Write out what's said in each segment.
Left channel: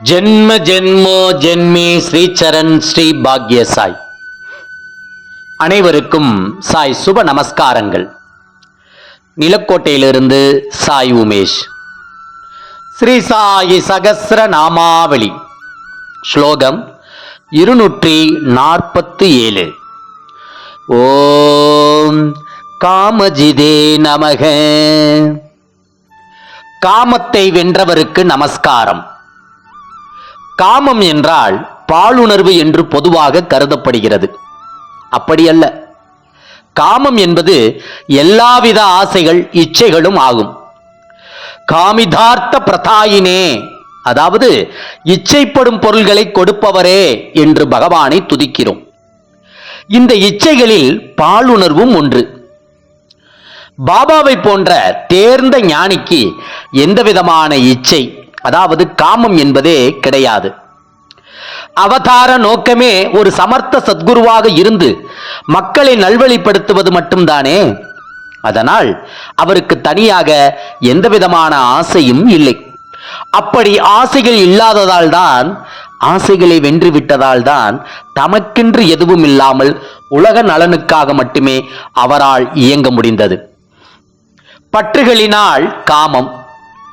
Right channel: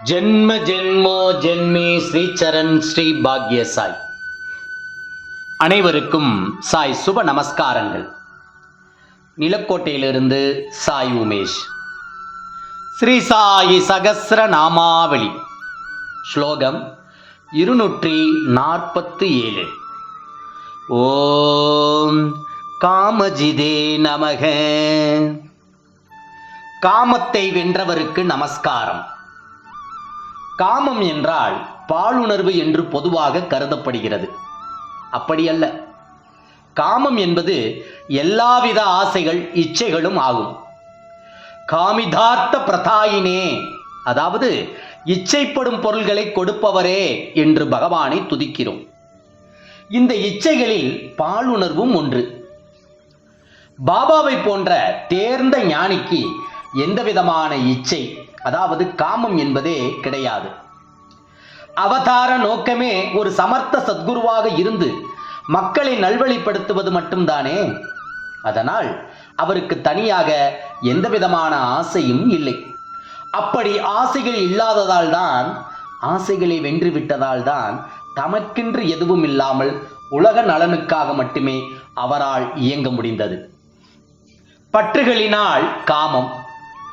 ஜென்ம ஜென்மோ ஜென்மி ஸ்ரீச்சரண் ஸ்ரீ பாக்ய சாய் அனைவருக்கும் சாய் சுப நமஸ்காரங்கள். நிலக்கோட்டையிலிருந்து சாய் உமேஷ். ஸ்ரீ சாயி சகசிர நாமாவளி. ஸ்லோகம் இருநூற்றி நாற்பத்தி ஏழு. ஓம் காமஜிதே நமக. காமத்தை வென்றவருக்கு நமஸ்காரம். காமம் என்றால் பாலுணர்வு என்று பொதுவாக கருதப்படுகிறது. அப்படியல்ல. காமம் என்பது எல்லாவித ஆசைகள் இச்சைகளும் ஆகும். காமிதார்த்த பிரதாயினே அதாவது இச்சைப்படும் பொருள்களை கொடுப்பவரே என்று பகவானை துதிக்கிறோம். இந்த இச்சைகளில் பாலுணர்வும் ஒன்று. பாபாவை போன்ற தேர்ந்த ஞானிக்கு எந்த விதமான இச்சை அதாவது காமம் என்பதே கிடையாது. அவதார நோக்கமே ஒரு சமர்த்த சத்குருவாக இருந்து மக்களை நல்வழிப்படுத்துவது மட்டும்தானே? அதனால் அவருக்கு தனியாக எந்த விதமான ஆசையும் இல்லை. அப்படி ஆசைகள் இல்லாததால் தான் ஆசைகளை வென்று விட்டதால் தான் தமக்கென்று எதுவும் இல்லாமல் உலக நலனுக்காக மட்டுமே அவரால் இயங்க முடிந்தது. பற்றுகளினால் காமம்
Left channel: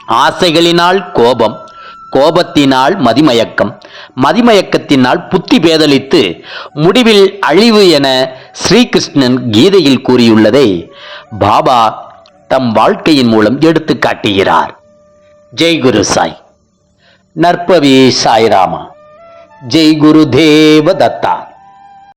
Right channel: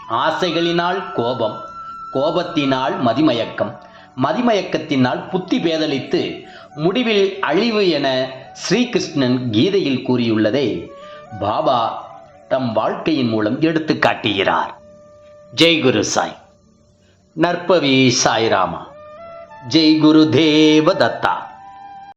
ஆசைகளினால் கோபம் கோபத்தினால் மதிமயக்கம் மதிமயக்கத்தினால் புத்தி பேதலித்து முடிவில் அழிவு என ஸ்ரீகிருஷ்ணன் கீதையில் கூறியுள்ளதை பாபா தம் வாழ்க்கையின் மூலம் எடுத்து காட்டுகிறார். ஜெய் குரு சாய். நற்பவி சாய்ராமா. ஜெய் குரு தேவ தத்தா.